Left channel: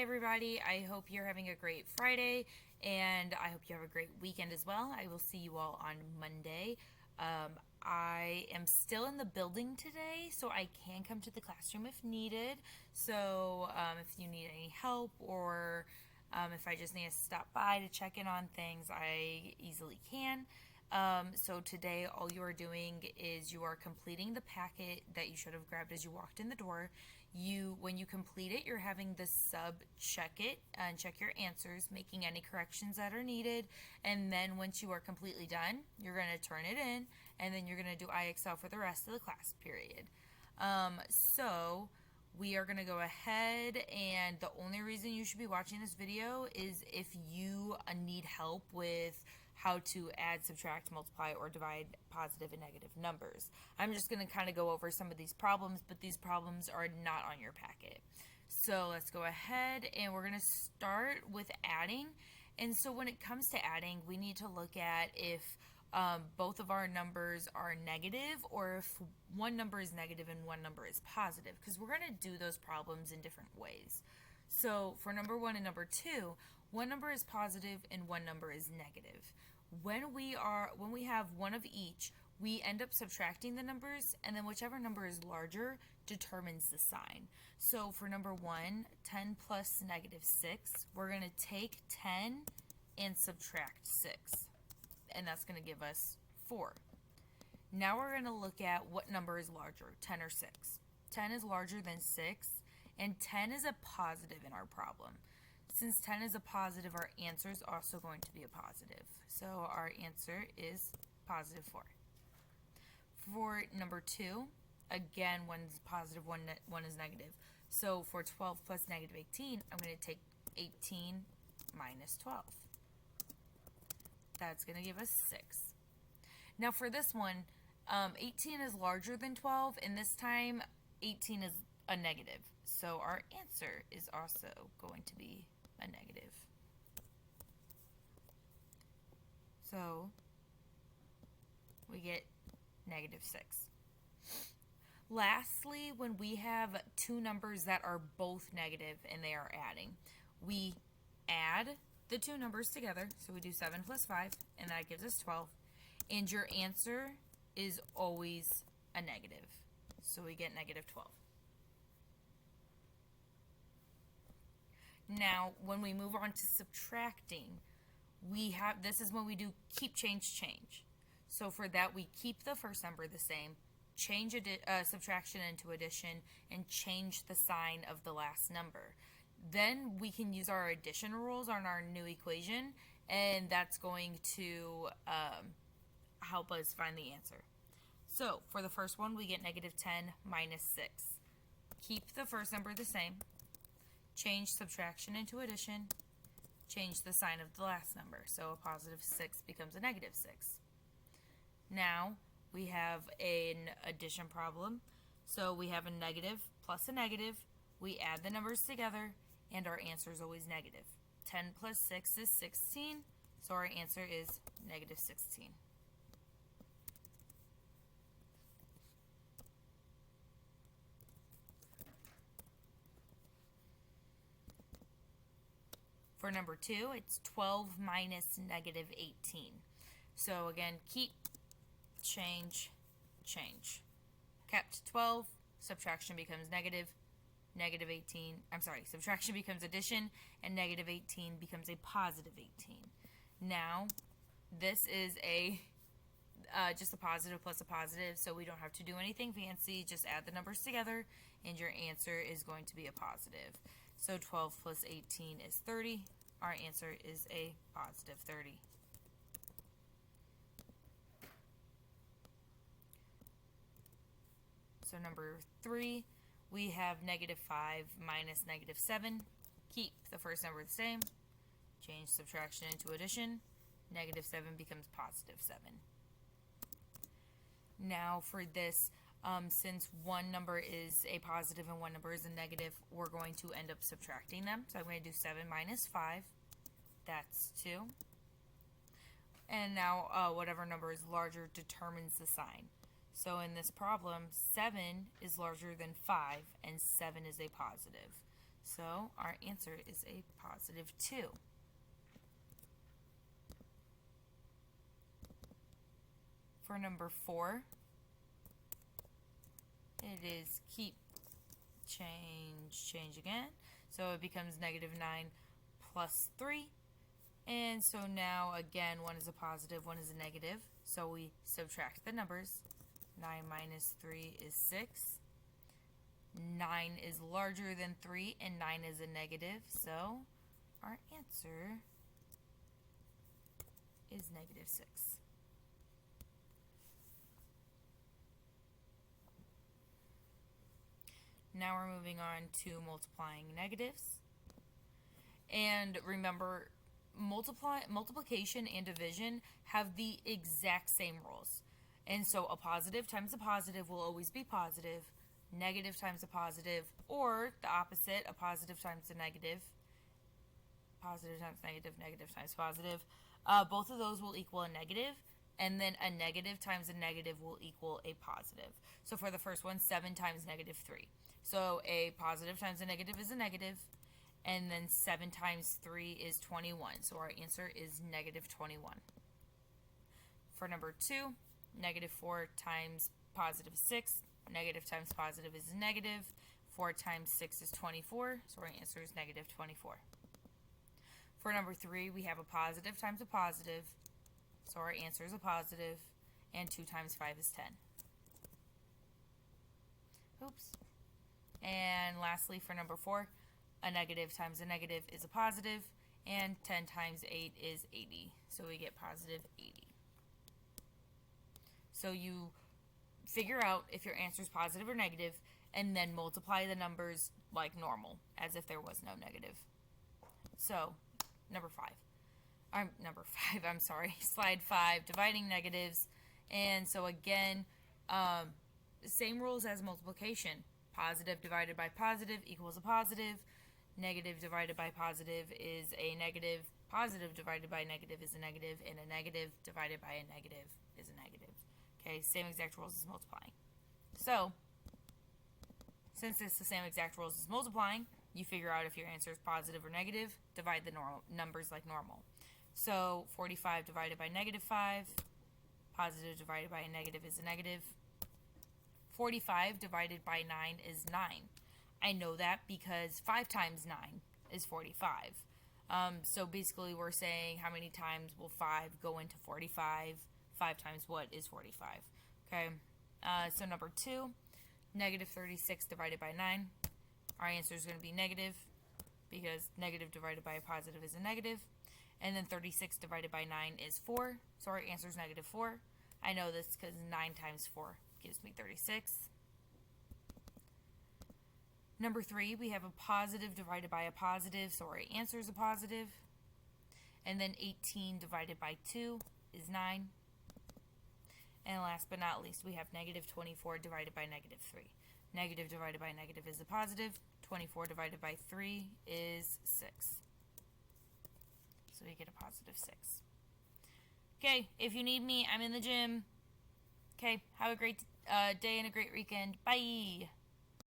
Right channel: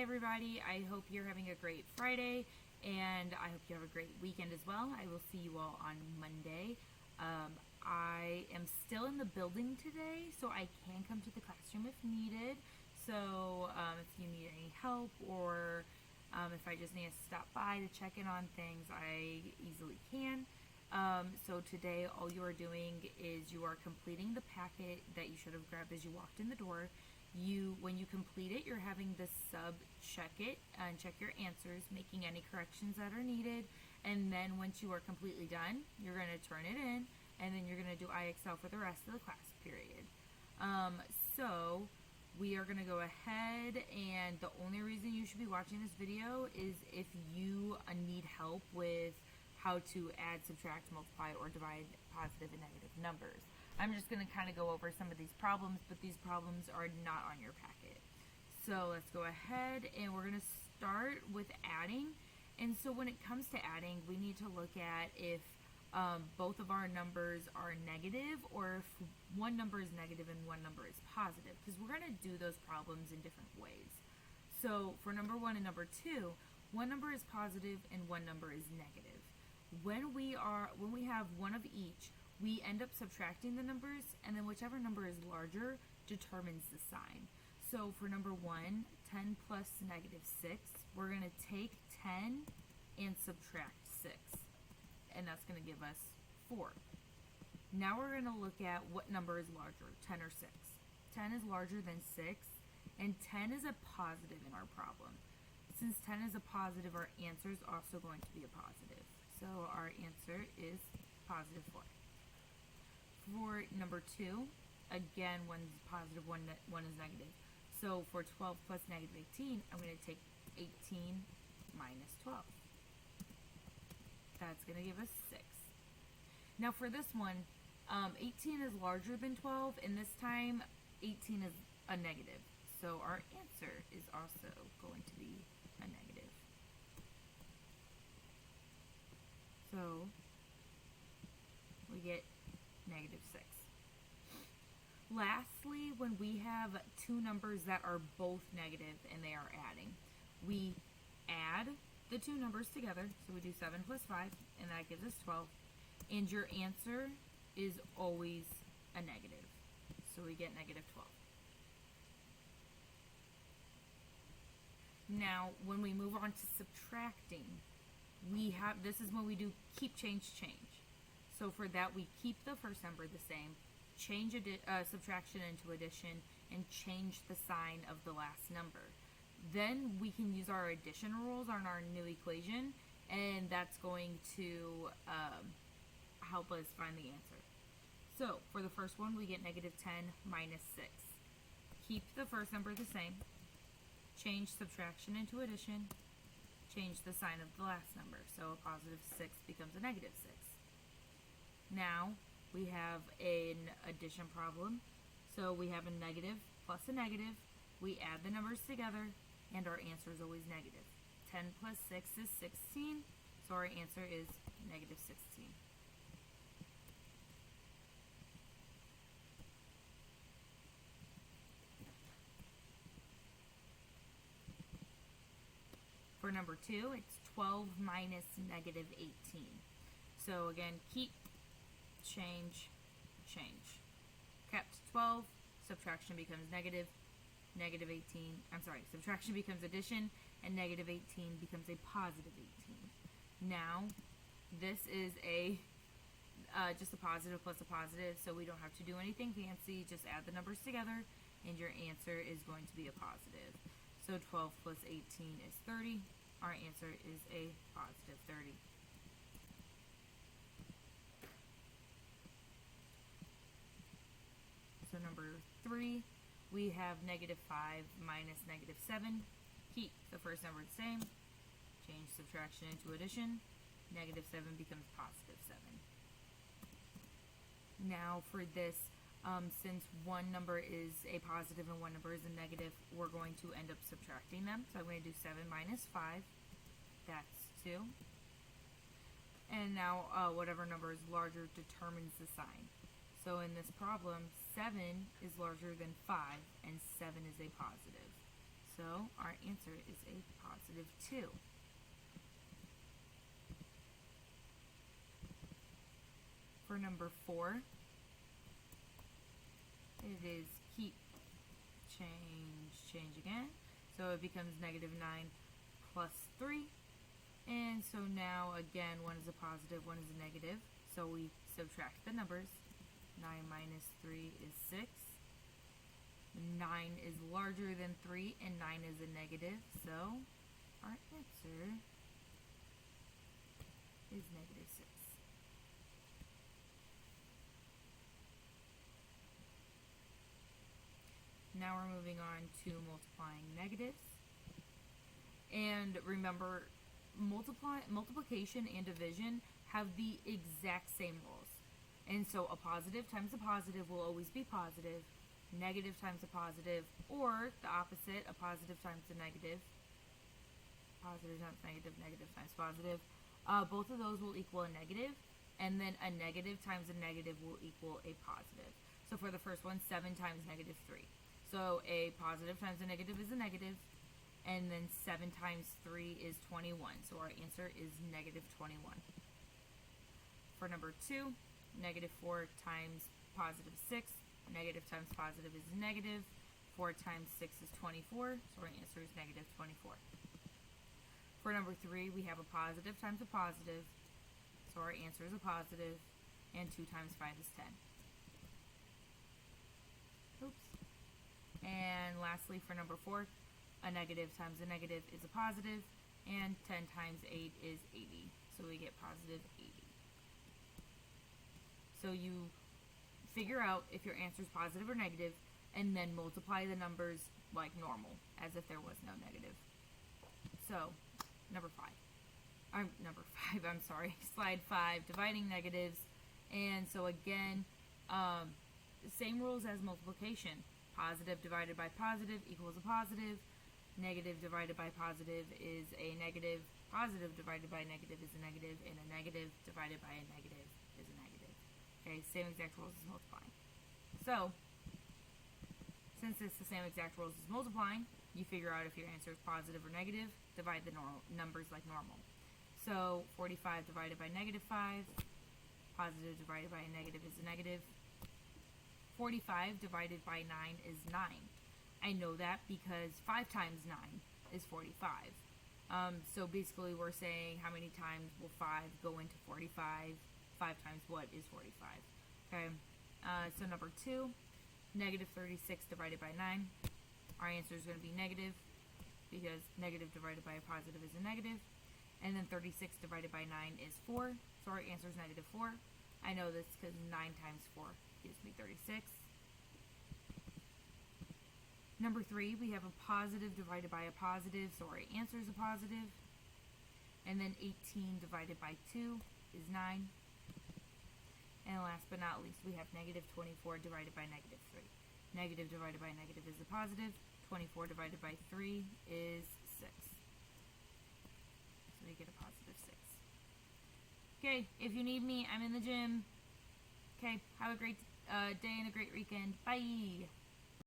Hi, everybody. I hope you're having a great Friday, and I hope you have a great weekend as well. I will see you all on Monday. I am still in the building today, so I can come to the classroom if needed. So, if you need any help or if I just need to stop by to check in on things, I easily can. So today, all you are doing is you are completing the packet that you should have grabbed as you walked in the door. When you complete it, you're having the sub check it and check your answers, making any corrections that are needed. And then once you are completely done, you're going to turn it in, and then you're going to do IXL for the rest of the class period. So we are going to go ahead, and the only reason you should be watching this video is if you need help with how to add, subtract, multiply, or divide positive and negative numbers. I'm just going to kind of go over some of these problems, but these problems are not on your packet. So let's go ahead, and we're going to start with adding. And so when it comes to adding, we need to look at if both of our numbers are negative, or if one number is negative and one number is positive, because we're going to do those problems in different ways. So for number 1 and number 2, one number is positive and one number is negative. When we have one of each, we end up subtracting the numbers, and then whichever number is larger determines the sign. So for number 1, 10 plus negative 6, we're going to take 10 and subtract 6, and that's going to give us 4. Now we're going to look at what number is larger, 10 or 6. 10 is larger than 6, and 10 is a positive in our problem. Since 10 is a positive, our answer is also going to be a positive. So our answer is positive 4. For number 2, again, one is positive, one is negative. So for 12 plus negative 18, I'm going to take 18 minus 12. That's going to give us 6. Now for this one, 18 is larger than 12, and this time 18 is a negative. So our answer is also going to be a negative. So we get negative 6. Lastly, when we have two numbers that are both negative and they are adding, we add the two numbers together. So we do 7 plus 5, and that gives us 12. And your answer is always a negative. So we get negative 12. Now, when we move on to subtracting, this is when we do keep, change, change. So for that, we keep the first number the same, change subtraction into addition, and change the sign of the last number. Then we can use our addition rules on our new equation, and that's going to help us find the answer. So for the first one, we get negative 10 minus 6. Keep the first number the same, change subtraction into addition, change the sign of the last number. So a positive 6 becomes a negative 6. Now we have an addition problem. So we have a negative plus a negative. We add the numbers together, and our answer is always negative. 10 plus 6 is 16, so our answer is negative 16. For number 2, it's 12 minus negative 18. So again, keep, change, change. Kept 12, subtraction becomes negative, subtraction becomes addition, and negative 18 becomes a positive 18. Now, this is just a positive plus a positive, so we don't have to do anything fancy, just add the numbers together, and your answer is going to be a positive. So 12 plus 18 is 30. Our answer is a positive 30. So number 3, we have negative 5 minus negative 7. Keep the first number the same. Change subtraction into addition. Negative 7 becomes positive 7. Now for this, since one number is a positive and one number is a negative, we're going to end up subtracting them. So I'm going to do 7 minus 5. That's 2. And now whatever number is larger determines the sign. So in this problem, 7 is larger than 5, and 7 is a positive. So our answer is a positive 2. For number 4, it is keep, change again. So it becomes negative 9 plus 3. And so now again, one is a positive, one is a negative. So we subtract the numbers. 9 minus 3 is 6. 9 is larger than 3 and 9 is a negative. So our answer is negative 6. Now we're moving on to multiplying negatives. And remember, multiplication and division have the exact same rules. And so a positive times a positive will always be positive, negative times a positive, or the opposite, a positive times a negative, positive times negative, negative times positive. Both of those will equal a negative, and then a negative times a negative will equal a positive. So for the first one, 7 times negative 3. So a positive times a negative is a negative, and then 7 times 3 is 21. So our answer is negative 21. For number 2, negative 4 times positive 6. Negative times positive is negative. 4 times 6 is 24. So our answer is negative 24. For number 3, we have a positive times a positive. So our answer is a positive. And 2 times 5 is 10. Oops. And lastly, for number 4, a negative times a negative is a positive, and 10 times 8 is 80. So we get positive 80. So you figure out if your answer is positive or negative, and then multiply the numbers like normal, as if there was no negative. So, slide 5, dividing negatives. And so again, same rules as multiplication. Positive divided by positive equals a positive. Negative divided by positive is a negative. Positive divided by negative is a negative. And a negative divided by a negative is a negative. Okay, same exact rules as multiplying. So, since it's the same exact rules as multiplying, you figure out if your answer is positive or negative, divide the numbers like normal. So, 45 divided by negative 5, positive divided by a negative is a negative. 45 divided by 9 is 9. I know that because 5 times 9 is 45. So basically we're saying how many times will 5 go into 45? 5 times what is 45? Okay, so number 2, negative 36 divided by 9. Our answer is going to be negative because negative divided by a positive is a negative. And then 36 divided by 9 is 4. So our answer is negative 4. I know this because 9 times 4 gives me 36. Number 3, we have a positive divided by a positive, so our answer is a positive. And then 18 divided by 2 is 9. And last but not least, we have negative 24 divided by negative 3. Negative divided by negative is a positive. 24 divided by 3 is 6. So we get a positive 6. Okay, if you need me, I'm in the gym. Okay, have a great day and a great weekend. Bye!